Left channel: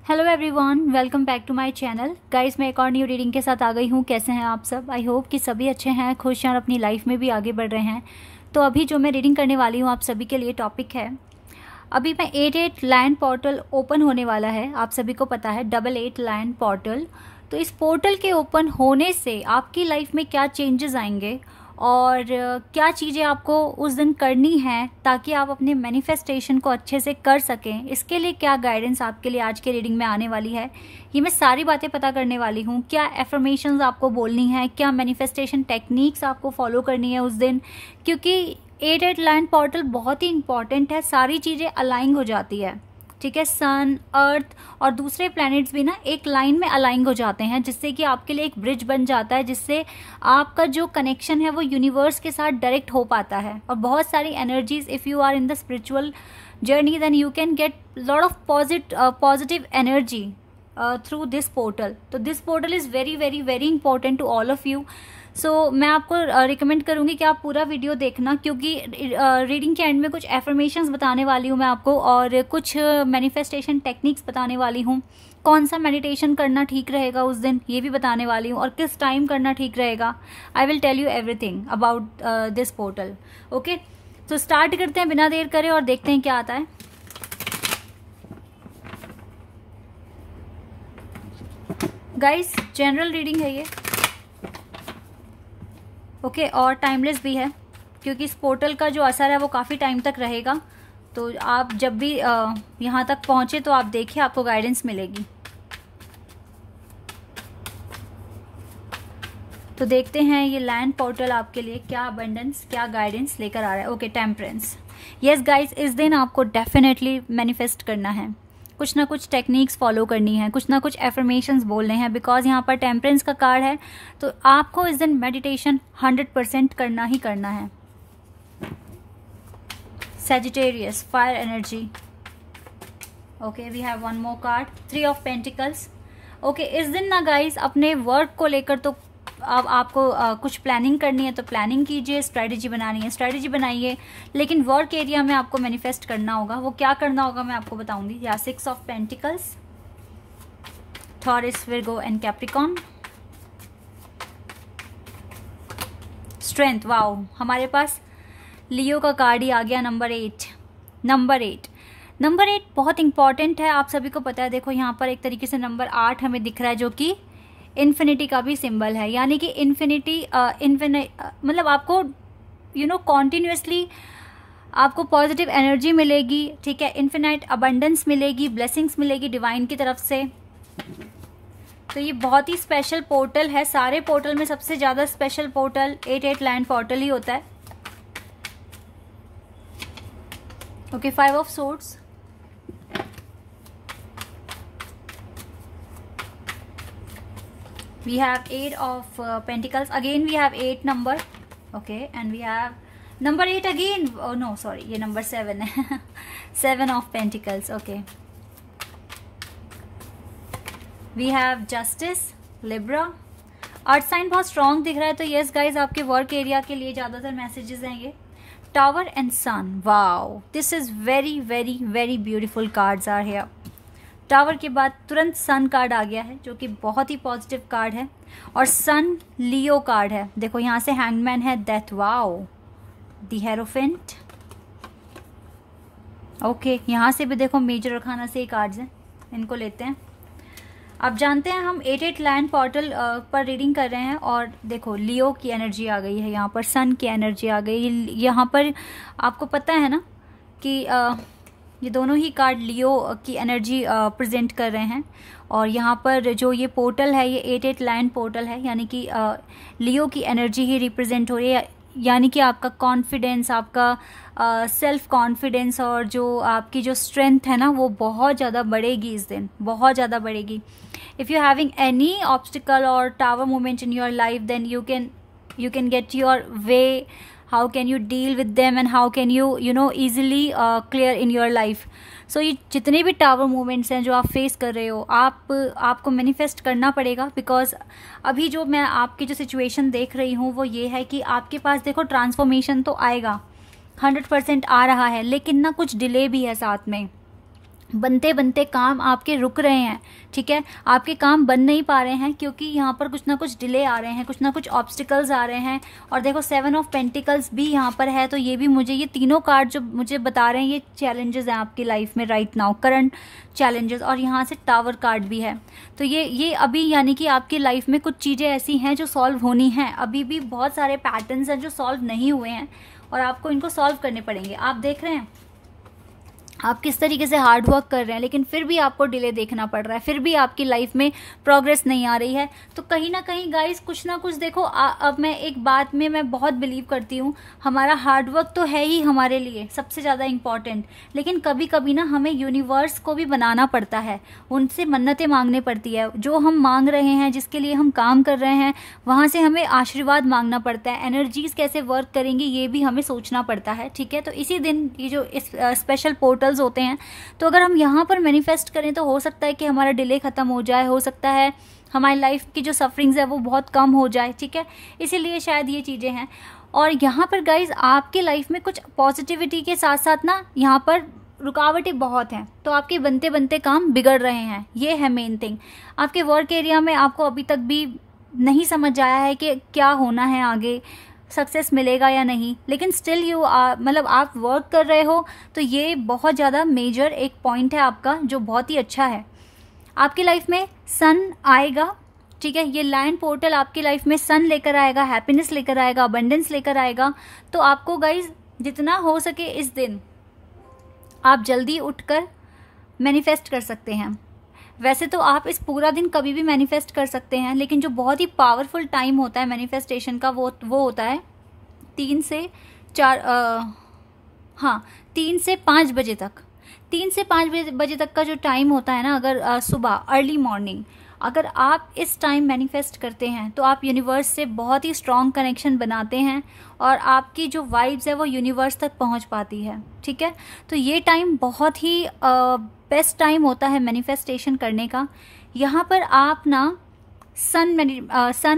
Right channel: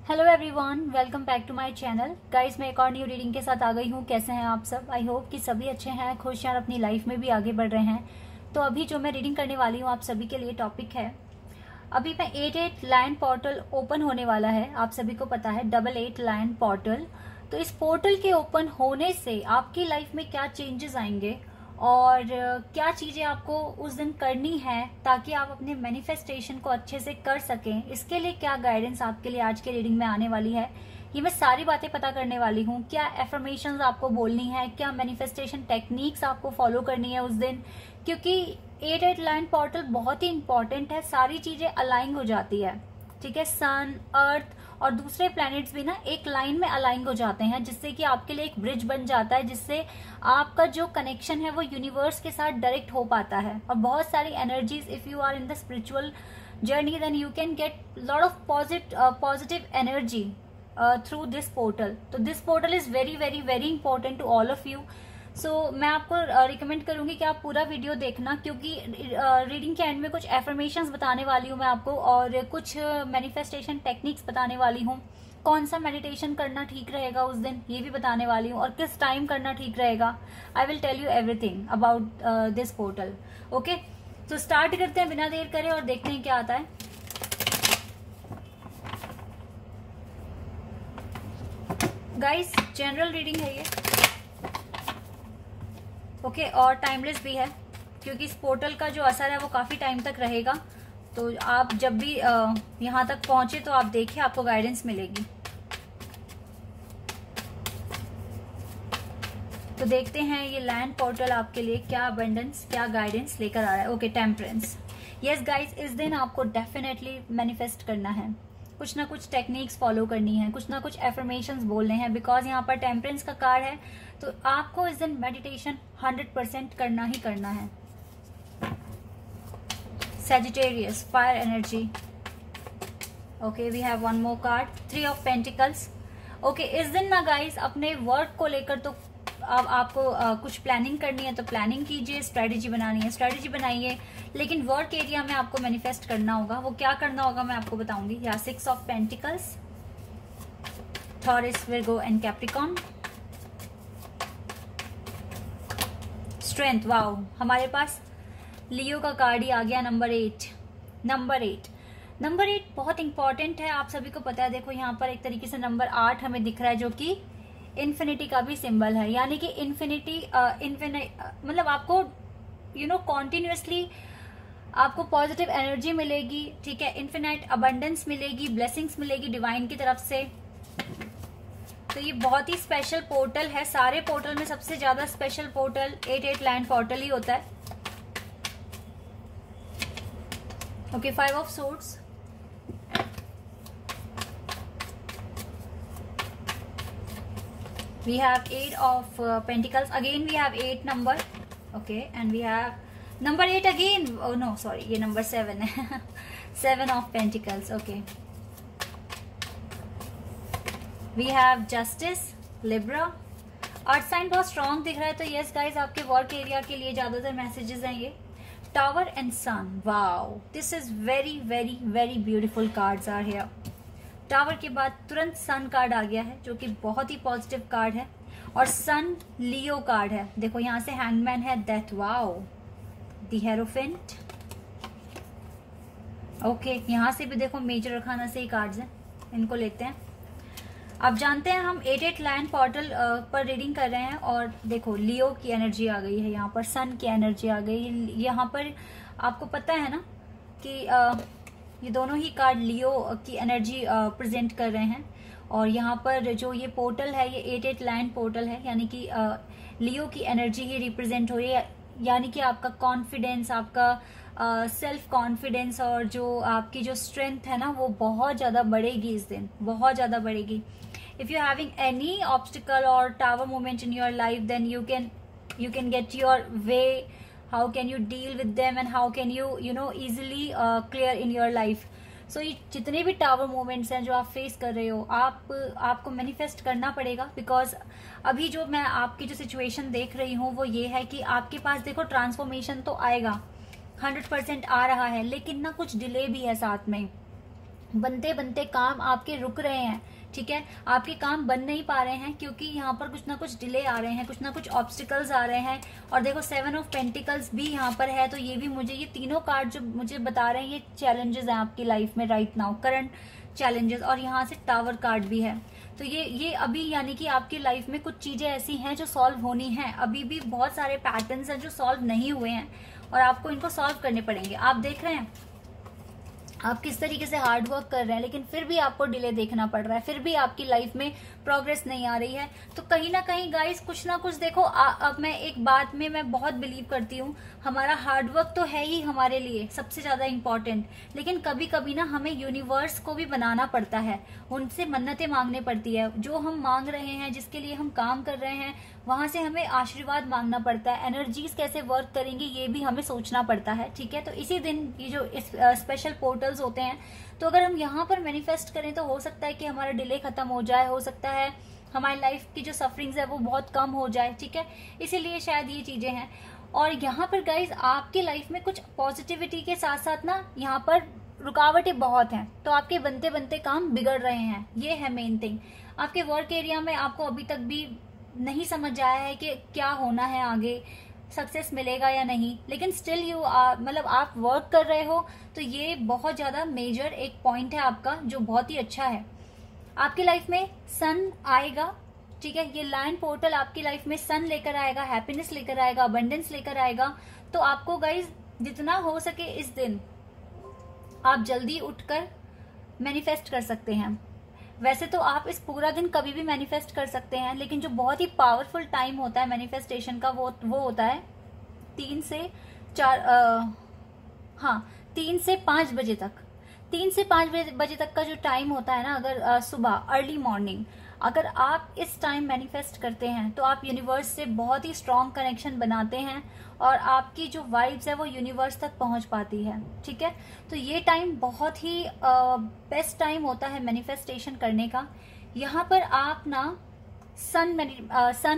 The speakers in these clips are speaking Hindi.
Hello everyone, welcome back to my channel. Guys, मैं एक और न्यू रीडिंग के साथ आ गई हूँ। कैसे हैं आप सब? आई होप कि सभी अच्छे हैं, खुश हैं और अपनी लाइफ में भी आगे बढ़ रहे हैं। तो अभी जो मैं रीडिंग करने वाली हूँ आप सभी के लिए टॉपिक है, अभी मैं 88 लायन पोर्टल ओपन होने वाला है। आप सभी को पता है 88 लायन पोर्टल। तो इस पोर्टल के ओपन होने से आपकी लाइफ में क्या चेंजेस आएंगे और क्या चीज़ें आपको उस दिन करनी है ताकि आप अपने मैनिफेस्टेशन को अच्छे से कर सकें, इसके लिए क्या गाइडेंस आपके लिए आज के रीडिंग में आने वाली है, ये मैं सारी बातें पता करने वाली हूँ। क्या एफर्मेशंस आपको बोलनी है, क्या मैनिफेस्टेशन टेक्निक्स आपको फॉलो करनी है उस दिन, क्योंकि 88 लाइन पोर्टल बहुत ही इंपॉर्टेंट है। सारी चीज़ें अलाइन हो जाती है, ठीक है। सन, अर्थ और दूसरे प्लैनेट्स भी ना एक लाइन में अलाइन हो जाते हैं, जिससे कि आपके लिए एक ब्रिज बन जाता है, जिससे आपका जो कनेक्शन है वो यूनिवर्स के साथ डायरेक्ट हो पाता है। और बहुत सारी energies, if you are in the spiritual journey, then you can get lot of positive energy through this portal. तो this portal is very very very important to all of you. So मैं आपको रिकमेंड करूंगी कि आप पूरा वीडियो देखना, क्योंकि रीडिंग के एंड में कुछ एफर्मेशंस बताने वाली हूँ मैं आपको और कुछ मैनिफेस्टेशन टेक्निक्स बताने वाली हूँ। कौन सा मेडिटेशन करना ठीक रहेगा उस दिन ये भी बताने वाली हूँ, और किस टाइम करना ठीक रहेगा। I will tell you everything about this portal. Okay, तो स्टार्ट करते हैं बिना देर करे और देखते हैं क्या आता है। गाइस, जनरल रीडिंग है ये, ओके, और टाइमलेस भी है, क्योंकि इस पोर्टल का जो असर है वो काफी टाइम तक रहेगा। तो आप जब भी यहाँ तक पहुंचे तो आप देखिए, आपको गाइडेंस मिलेगी। तो देखते हैं ये लैंड पोर्टल आपके लिए क्या अबंडेंस, क्या गाइडेंस लेकर आ रहा है। Okay, temperance. यस गाइस, इस दिन आपको डेफिनेटली मैनिफेस्ट करना है, कुछ ना कुछ टेक्निक्स फॉलो करनी है, कुछ ना कुछ एफर्मेशंस बोलने हैं, बिकॉज यहाँ पर टेम्परेंस का कार्ड है। तो आपको इस दिन मेडिटेशन 100% करना ही करना है। Sagittarius, fire energy. Okay, we have one more card, 3 of pentacles. Okay, इस दिन ना गाइस अपने वर्क को लेकर तो अब आपको कुछ प्लानिंग करनी है तो प्लानिंग कीजिए, स्ट्रेटेजी बनानी है स्ट्रेटेजी बनाइए, लेकिन वर्क एरिया में आपको मैनिफेस्ट करना होगा। वो क्या करना होगा मैं आपको बताऊंगी। या 6 of pentacles, taurus, Virgo and Capricorn. Strength, wow, हमारे पास लियो का कार्ड ही आ गया, नंबर 8। नंबर 8 बहुत इंपॉर्टेंट है, आप सभी को पता है। देखो यहाँ पर एक तरीके से नंबर 8 हमें दिख रहा है, जो कि इन्फिनिटी का भी सिंबल है। यानी कि इन्फिनिटी मतलब आपको कॉन्टिन्यूसली आपको पॉजिटिव एनर्जी मिलेगी, ठीक है। इन्फिनाइट अबंडेंस मिलेगी, ब्लेसिंग्स मिलेगी डिवाइन की तरफ से। तो ये बहुत ही स्पेशल पोर्टल है। सारे पोर्टल में सबसे ज्यादा स्पेशल पोर्टल 88 लैंड पोर्टल ही होता है। Okay, 5 of swords. We have 8 of pentacles. Again we have 8 number. Okay, and we have number 8 again. Oh no, sorry, ये number 7 है। 7 of pentacles. Okay. We have justice, Libra. Earth sign बहुत स्ट्रॉन्ग दिख रहा है, तो यस गाइज आपके वर्क एरिया के लिए ज्यादातर मैसेजेस हैं ये। Tower and sun, wow, this is very very very beautiful cards are here. Tower के बाद तुरंत सन कार्ड आ गया है, जो कि बहुत ही पॉजिटिव कार्ड है। और सन लियो कार्ड है। देखो यहाँ से हैंगमैन है, death, wow, the hierophant. Okay, यहाँ से भी देखो मेजर अरकाना से ही कार्ड्स हैं, इनको लेते हैं। अब जानते हैं हम 88 लैंड पोर्टल पर रीडिंग कर रहे हैं, और देखो लियो की एनर्जी आ गई है, यहाँ पर सन की एनर्जी आ गई। यहाँ पर आपको पता है ना कि ये दोनों ही कार्ड लियो की एनर्जी प्रेजेंट कर रहे हैं। और यहाँ पर जो ये पोर्टल है ये 88 लैंड पोर्टल है, यानी कि लियो की एनर्जी ही रिप्रेजेंट हो रही है। यानी कि आपका कॉन्फिडेंस, आपका सेल्फ कॉन्फिडेंस और जो आपकी जो स्ट्रेंथ है ना, वो बहुत ज़्यादा बढ़ेगी इस दिन, बहुत ज़्यादा बढ़ेगी। If you having any obstacle और tower moment in your life, then you can get your way. How can you deal with them and how can you easily clear in your life. So ये जितने भी टावर मूवमेंट्स हैं जो आप फेस कर रहे हो, आपको मैनिफेस्ट करना पड़ेगा। बिकॉज अभी जो मैं आपकी जो सिचुएशन देख रही हूँ वो ये है कि आपके पास देखो ट्रांसफॉर्मेशन तो आएगा, 100% आ रहा है, लेकिन ना कुछ डिले भी है साथ में। बनते बनते काम आपके रुक रहे हैं, ठीक है, आपके काम बन नहीं पा रहे हैं क्योंकि यहाँ पर कुछ ना कुछ डिले आ रहे हैं, कुछ ना कुछ ऑब्स्टिकल्स आ रहे हैं। और देखो 7 ऑफ पेंटिकल्स भी यहाँ पर है, तो ये भी मुझे, ये तीनों कार्ड जो मुझे बता रहे हैं ये चैलेंजेस हैं आपकी लाइफ में राइट नाउ, करंट चैलेंजेस। और यहाँ से टावर कार्ड भी है, तो ये अभी यानी कि आपकी लाइफ में कुछ चीजें ऐसी हैं जो सॉल्व होनी हैं। अभी भी बहुत सारे पैटर्न्स हैं जो सॉल्व नहीं हुए हैं और आपको इनको सॉल्व करने पड़ेंगे। आप देख रहे हैं आप किस तरीके से हार्ड वर्क कर रहे हैं, लेकिन फिर भी आपको डिले देखना पड़ रहा है, फिर भी आपकी लाइफ में प्रोग्रेस नहीं आ रही है। तो कहीं ना कहीं गाइस कुछ ना कुछ देखो, अब मैं एक बात में मैं बहुत बिलीव करती हूँ, हमारा हार्ड वर्क तो है ही हमारे लिए सबसे ज्यादा इम्पोर्टेंट, लेकिन कभी कभी ना हमें यूनिवर्स को भी बनाना पड़ता है, उनसे मन्नतें मांगनी पड़ती है। जो हम मांग रहे हैं, जिसके लिए हम काम कर रहे हैं, वहां से हमें आशीर्वाद मांगना पड़ता है। एनर्जीज कैसे वर्क करेंगी ये भी हमें सोचना पड़ता है, ठीक है। तो इसी दिन ये जो स्पेशल पोर्टल होते हैं, तो अगर हम यहाँ पर मैनिफेस्ट करें तो हो सकता है कि हमारा डिले खत्म हो जाए, हो सकता है हमारी लाइफ की जो सफरिंग्स है वो बहुत कम हो जाए, ठीक है। इसीलिए शायद ये चीजें हैं। और यहाँ पर गाइज आपकी लाइफ में कुछ पॉजिटिविटी के साथ साथ ना यहाँ पर रुकावटें बहुत हैं, तो आपके बनते बनते काम बिगड़ रहे हैं, ये है मेन थिंग। आपके वर्क एरिया में आपको अभी तक भी नहीं समझ आया है कि क्या होना है आगे, सक्सेस मिलेगा या नहीं, लेकिन स्टिल यू मतलब आप वर्क कर रहे हो, तो ये बहुत ज्यादा मेजर एक पॉइंट है आपका जो बहुत ही अच्छा है। आपकी लाइफ में सन आएगा, ठीक है, ये लैंड पोर्टल आपकी लाइफ में सन लेकर आएगा, हैप्पीनेस लेकर आएगा, अबंडेंस लेकर आएगा। तो आपको गाइज जितना हो सके इस दिन आप जल्दी उठकर मैनिफेस्ट कर सकते हैं। वैसे तो आप इस पूरा दिन कभी भी मैनिफेस्ट कर सकते हैं, लेकिन जो बहुत ही पावरफुल टाइम होता है मैनिफेस्टेशन का वो होता है 3 से 5 बजे तक। 3 से 5 बजे तक का जो टाइम होता है ना, अगर सुबह अर्ली मॉर्निंग अगर आप इस टाइम मैनिफेस्ट करते हैं तो आप यूनिवर्स से बहुत ही स्ट्रॉन्ग कनेक्शन बनाते हैं और आपकी जो वाइब्स है वो यूनिवर्स तक पहुंच पाती है, ठीक है। तो ये टाइम बहुत ही बेस्ट टाइम होता है मैनिफेस्टेशन करने का। यहाँ पर आप ना सन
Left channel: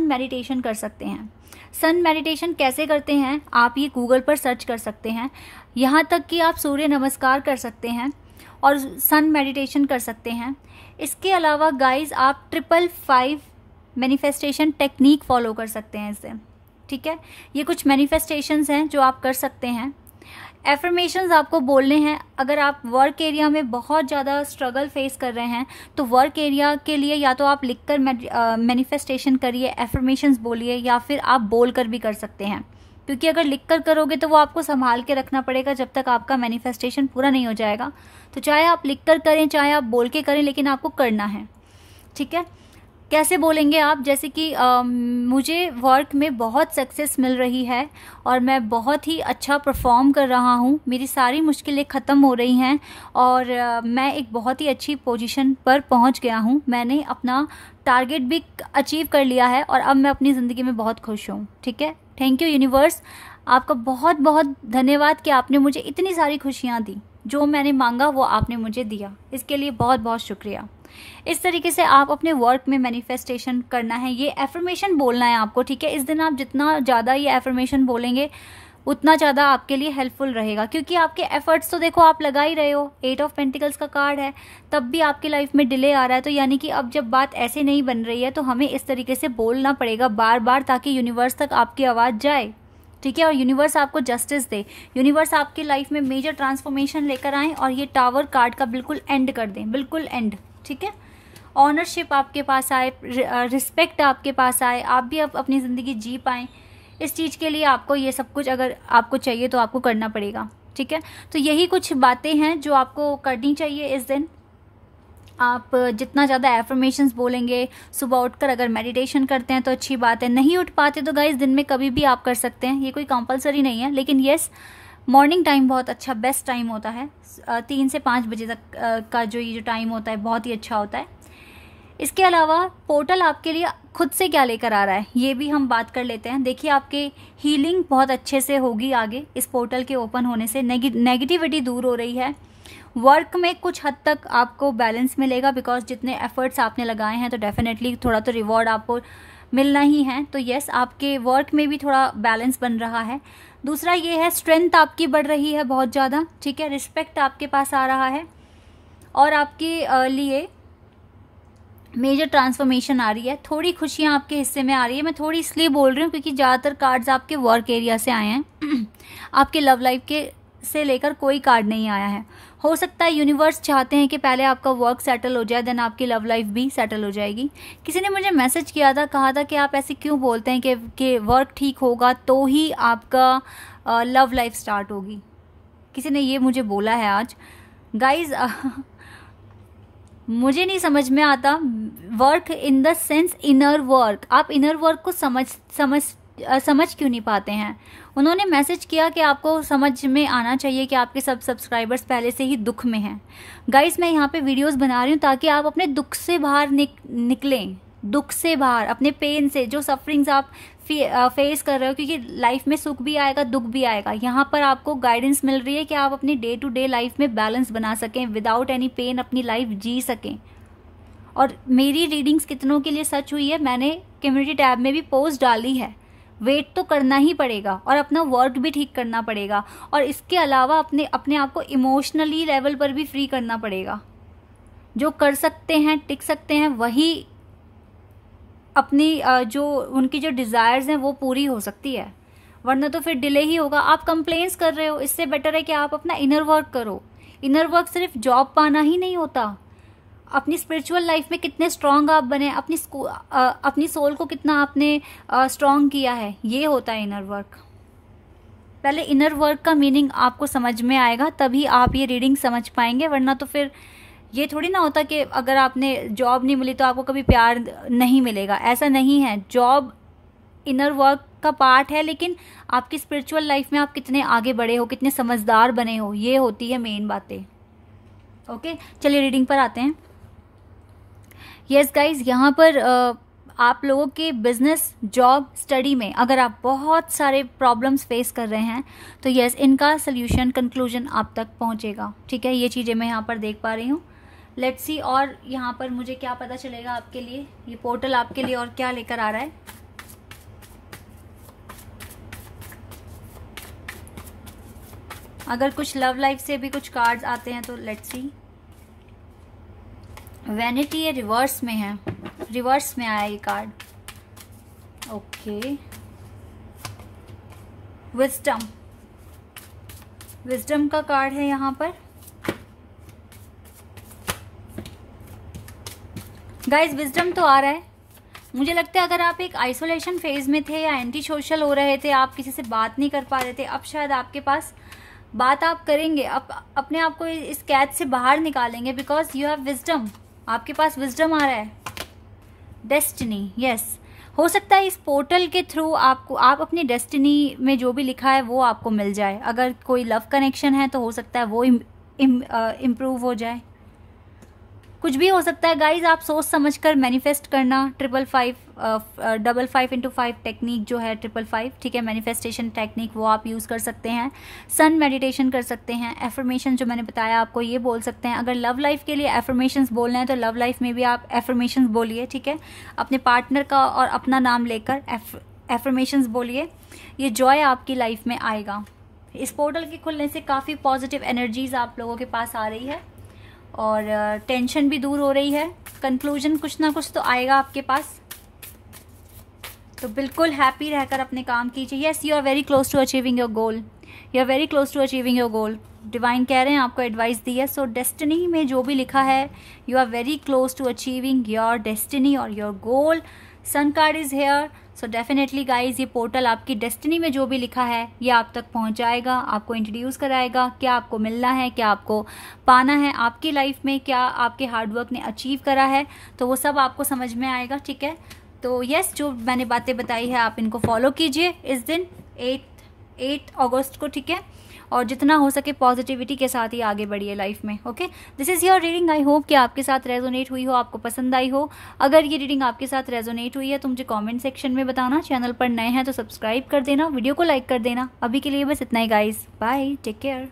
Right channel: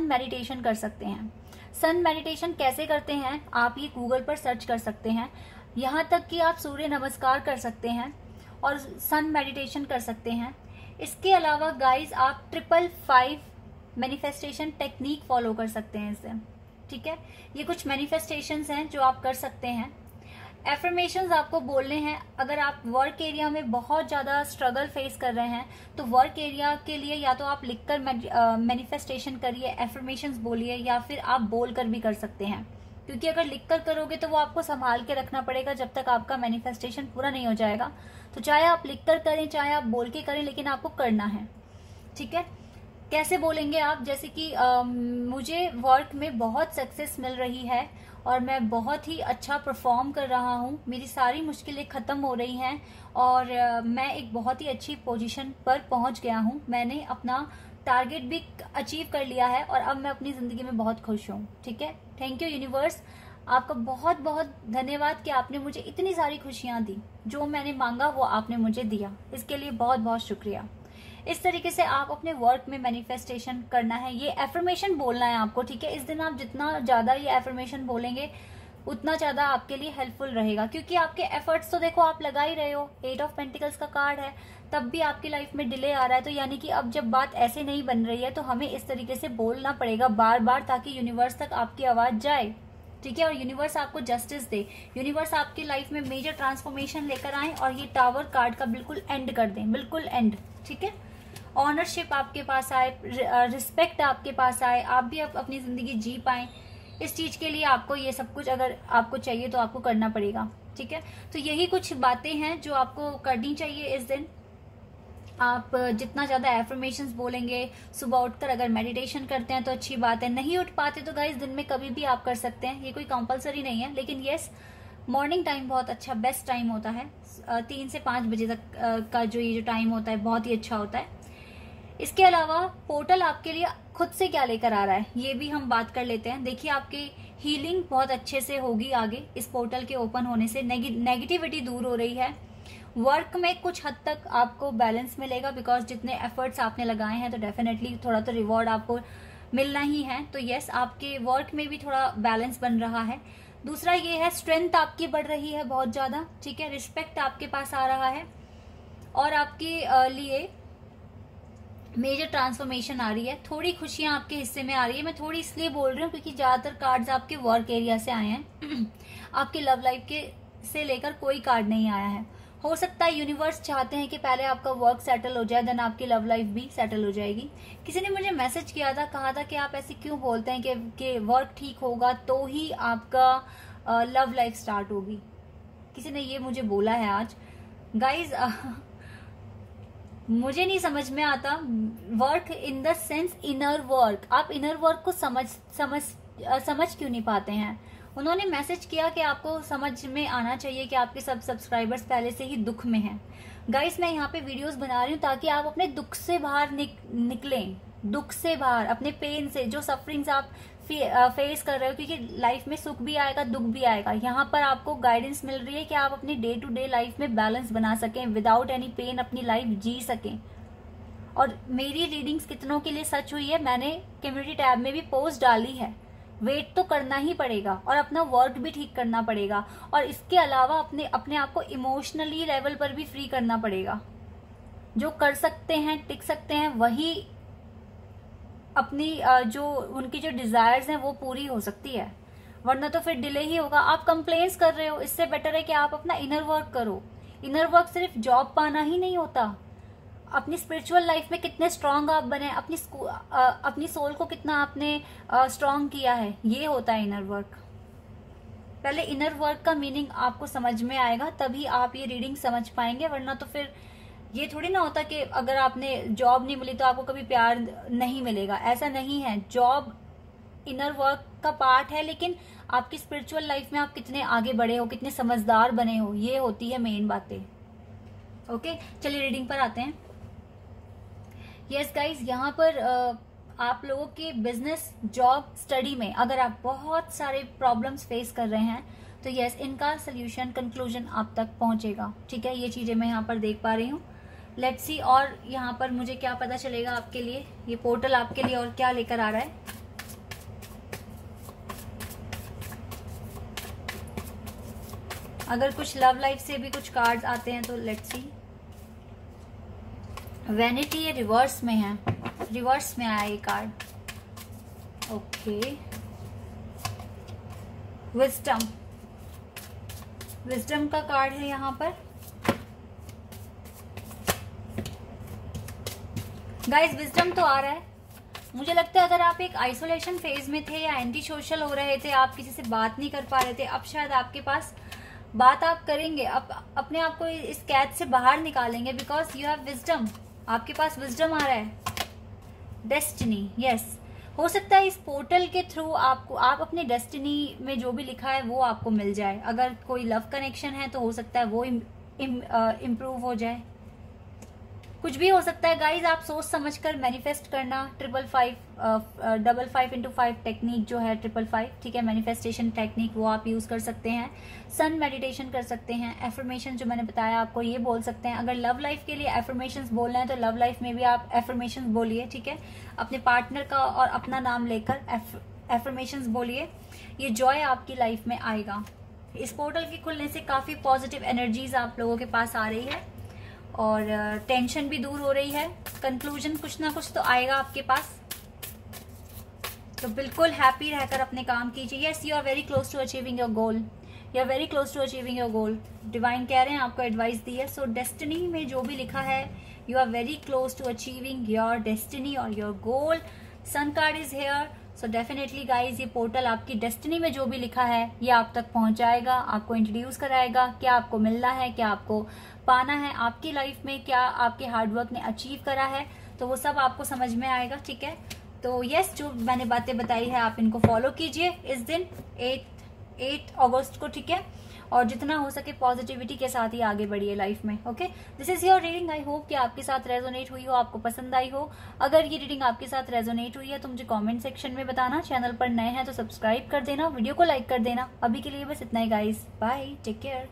मेडिटेशन कर सकते हैं। सन मेडिटेशन कैसे करते हैं आप ये गूगल पर सर्च कर सकते हैं, यहाँ तक कि आप सूर्य नमस्कार कर सकते हैं और सन मेडिटेशन कर सकते हैं। इसके अलावा गाइज आप 555 मैनिफेस्टेशन टेक्निक फॉलो कर सकते हैं इससे, ठीक है। ये कुछ मैनिफेस्टेशंस हैं जो आप कर सकते हैं। एफर्मेशंस आपको बोलने हैं। अगर आप वर्क एरिया में बहुत ज़्यादा स्ट्रगल फेस कर रहे हैं तो वर्क एरिया के लिए या तो आप लिखकर मैनिफेस्टेशन करिए, एफर्मेशंस बोलिए, या फिर आप बोलकर भी कर सकते हैं, क्योंकि अगर लिखकर करोगे तो वो आपको संभाल के रखना पड़ेगा जब तक आपका मैनिफेस्टेशन पूरा नहीं हो जाएगा। तो चाहे आप लिखकर करें चाहे आप बोल के करें, लेकिन आपको करना है, ठीक है। कैसे बोलेंगे आप, जैसे कि मुझे वर्क में बहुत सक्सेस मिल रही है और मैं बहुत ही अच्छा परफॉर्म कर रहा हूँ, मेरी सारी मुश्किलें ख़त्म हो रही हैं और मैं एक बहुत ही अच्छी पोजीशन पर पहुँच गया हूँ, मैंने अपना टारगेट भी अचीव कर लिया है और अब मैं अपनी ज़िंदगी में बहुत खुश हूँ, ठीक है। थैंक यू यूनिवर्स, आपका बहुत बहुत धन्यवाद कि आपने मुझे इतनी सारी खुशियाँ दी, जो मैंने मांगा वो आपने मुझे दिया, इसके लिए बहुत बहुत शुक्रिया। इस तरीके से आप अपने वर्क में मैनिफेस्टेशन करना है, ये एफर्मेशन बोलना है आपको, ठीक है। इस दिन आप जितना ज़्यादा ये एफर्मेशन बोलेंगे उतना ज़्यादा आपके लिए हेल्पफुल रहेगा, क्योंकि आपके एफर्ट्स तो देखो आप लगा ही रहे हो। 8 ऑफ पेंटिकल्स का कार्ड है, तब भी आपकी लाइफ में डिले आ रहा है, तो यानी कि अब जब बात ऐसे नहीं बन रही है तो हमें इस तरीके से बोलना पड़ेगा बार बार, ताकि यूनिवर्स तक आपकी आवाज़ जाए, ठीक है, और यूनिवर्स आपको जस्टिस दे, यूनिवर्स आपकी लाइफ में मेजर ट्रांसफॉर्मेशन लेकर आए और ये टावर कार्ड का बिल्कुल एंड कर दें, बिल्कुल एंड, ठीक है। ऑनरशिप आपके पास आए, रिस्पेक्ट आपके पास आए, आप भी अब अपनी ज़िंदगी जी पाएँ। इस चीज़ के लिए आपको ये सब कुछ अगर आपको चाहिए तो आपको करना पड़ेगा, ठीक है। तो यही कुछ बातें हैं जो आपको करनी चाहिए इस दिन। आप जितना ज़्यादा एफर्मेशंस बोलेंगे, सुबह उठकर अगर मेडिटेशन करते हैं तो अच्छी बात है, नहीं उठ पाते तो गाइस दिन में कभी भी आप कर सकते हैं, ये कोई कंपलसरी नहीं है, लेकिन येस मॉर्निंग टाइम बहुत अच्छा बेस्ट टाइम होता है। 3 से 5 बजे तक का जो ये जो टाइम होता है बहुत ही अच्छा होता है। इसके अलावा पोर्टल आपके लिए खुद से क्या लेकर आ रहा है ये भी हम बात कर लेते हैं। देखिए आपके हीलिंग बहुत अच्छे से होगी आगे इस पोर्टल के ओपन होने से, नेगेटिविटी दूर हो रही है। वर्क में कुछ हद तक आपको बैलेंस मिलेगा, बिकॉज जितने एफर्ट्स आपने लगाए हैं तो डेफिनेटली थोड़ा तो रिवॉर्ड आपको मिलना ही है। तो यस आपके वर्क में भी थोड़ा बैलेंस बन रहा है। दूसरा ये है स्ट्रेंथ आपकी बढ़ रही है बहुत ज़्यादा, ठीक है, रिस्पेक्ट आपके पास आ रहा है और आपके लिए मेजर ट्रांसफॉर्मेशन आ रही है। थोड़ी खुशियां आपके हिस्से में आ रही है। मैं थोड़ी इसलिए बोल रही हूँ क्योंकि ज्यादातर कार्ड्स आपके वर्क एरिया से आए हैं। आपके लव लाइफ के से लेकर कोई कार्ड नहीं आया है। हो सकता है यूनिवर्स चाहते हैं कि पहले आपका वर्क सेटल हो जाए, देन आपकी लव लाइफ भी सेटल हो जाएगी। किसी ने मुझे मैसेज किया था, कहा था कि आप ऐसे क्यों बोलते हैं कि वर्क ठीक होगा तो ही आपका लव लाइफ स्टार्ट होगी। किसी ने ये मुझे बोला है आज। गाइज मुझे नहीं समझ में आता work in the sense inner work. आप इनर वर्क को समझ क्यों नहीं पाते हैं। उन्होंने मैसेज किया कि आपको समझ में आना चाहिए कि आपके सब सब्सक्राइबर्स पहले से ही दुख में हैं। गाइस मैं यहाँ पे वीडियोस बना रही हूँ ताकि आप अपने दुख से बाहर निकलें, दुख से बाहर, अपने पेन से, जो सफरिंग्स आप फेस कर रहे हो, क्योंकि लाइफ में सुख भी आएगा दुख भी आएगा। यहाँ पर आपको गाइडेंस मिल रही है कि आप अपनी डे टू डे लाइफ में बैलेंस बना सकें, विदाउट एनी पेन अपनी लाइफ जी सकें। और मेरी रीडिंग्स कितनों के लिए सच हुई है, मैंने कम्युनिटी टैब में भी पोस्ट डाली है। वेट तो करना ही पड़ेगा और अपना वर्क भी ठीक करना पड़ेगा, और इसके अलावा अपने आप को इमोशनली लेवल पर भी फ्री करना पड़ेगा। जो कर सकते हैं, टिक सकते हैं, वही अपनी जो उनकी जो डिजायर्स हैं वो पूरी हो सकती है, वरना तो फिर डिले ही होगा। आप कंप्लेंट्स कर रहे हो, इससे बेटर है कि आप अपना इनर वर्क करो। इनर वर्क सिर्फ जॉब पाना ही नहीं होता। अपनी स्पिरिचुअल लाइफ में कितने स्ट्रांग आप बने, अपनी सोल को कितना आपने स्ट्रांग किया है, ये होता है इनर वर्क। पहले इनर वर्क का मीनिंग आपको समझ में आएगा, तभी आप ये रीडिंग समझ पाएंगे, वरना तो फिर ये थोड़ी ना होता कि अगर आपने जॉब नहीं मिली तो आपको कभी प्यार नहीं मिलेगा। ऐसा नहीं है। जॉब इनर वर्क का पार्ट है, लेकिन आपकी स्पिरिचुअल लाइफ में आप कितने आगे बढ़े हो, कितने समझदार बने हो, ये होती है मेन बातें। ओके, चलिए रीडिंग पर आते हैं। यस गाइज, यहाँ पर आप लोगों के बिजनेस, जॉब, स्टडी में अगर आप बहुत सारे प्रॉब्लम्स फेस कर रहे हैं तो यस, इनका सोल्यूशन, कंक्लूजन आप तक पहुंचेगा। ठीक है, ये चीजें मैं यहाँ पर देख पा रही हूँ। लेट्स सी और यहाँ पर मुझे क्या पता चलेगा आपके लिए, ये पोर्टल आपके लिए और क्या लेकर आ रहा है। अगर कुछ लव लाइफ से भी कुछ कार्ड्स आते हैं तो लेट्स सी। वैनिटी ये रिवर्स में है, रिवर्स में आया ये कार्ड। ओके, विजडम, विजडम का कार्ड है यहाँ पर। गाइस विजडम तो आ रहा है। मुझे लगता है अगर आप एक आइसोलेशन फेज में थे या एंटी सोशल हो रहे थे, आप किसी से बात नहीं कर पा रहे थे, अब शायद आपके पास बात आप करेंगे, अपने आप को इस कैद से बाहर निकालेंगे, बिकॉज यू हैव विजडम। आपके पास विजडम आ रहा है। डेस्टिनी, यस, हो सकता है इस पोर्टल के थ्रू आप अपनी डेस्टिनी में जो भी लिखा है वो आपको मिल जाए। अगर कोई लव कनेक्शन है तो हो सकता है वो इम्प्रूव हो जाए। कुछ भी हो सकता है गाइज, आप सोच समझकर मैनिफेस्ट करना। 555 टेक्निक जो है 555, ठीक है, मैनिफेस्टेशन टेक्निक, वो आप यूज कर सकते हैं। सन मेडिटेशन कर सकते हैं। एफर्मेशन जो मैंने बताया आपको, ये बोल सकते हैं। अगर लव लाइफ के लिए एफर्मेशंस बोलने हैं तो लव लाइफ में भी आप एफर्मेशंस बोलिए। ठीक है, अपने पार्टनर का और अपना नाम लेकर एफर्मेशंस बोलिए। ये जॉय आपकी लाइफ में आएगा। इस पोर्टल के खुलने से काफी पॉजिटिव एनर्जीज आप लोगों के पास आ रही है और टेंशन भी दूर हो रही है। कंक्लूजन कुछ ना कुछ तो आएगा आपके पास, तो बिल्कुल हैप्पी रहकर अपने काम कीजिए। Yes, you are very close to achieving your goal, you are very close to achieving your goal. Divine कह रहे हैं, आपको एडवाइस दी है। सो डेस्टिनी में जो भी लिखा है, you are very close to achieving your destiny और your goal. Sun card is here, so definitely guys, ये पोर्टल आपकी डेस्टिनी में जो भी लिखा है ये आप तक पहुंच जाएगा, आपको इंट्रोड्यूस कराएगा, क्या आपको मिलना है, क्या आपको पाना है आपकी लाइफ में, क्या आपके हार्डवर्क ने अचीव करा है, तो वो सब आपको समझ में आएगा। ठीक है, तो यस, जो मैंने बातें बताई है आप इनको फॉलो कीजिए इस दिन 8 अगस्त को। ठीक है, और जितना हो सके पॉजिटिविटी के साथ ही आगे बढ़िए लाइफ में। Okay, this is your reading. I hope कि आपके साथ रेजोनेट हुई हो, आपको पसंद आई हो। अगर ये रीडिंग आपके साथ रेजोनेट हुई है तो मुझे कमेंट सेक्शन में बताना। चैनल पर नए हैं तो सब्सक्राइब कर देना, वीडियो को लाइक कर देना। अभी के लिए बस इतना ही गाइस, बाय, टेक केयर।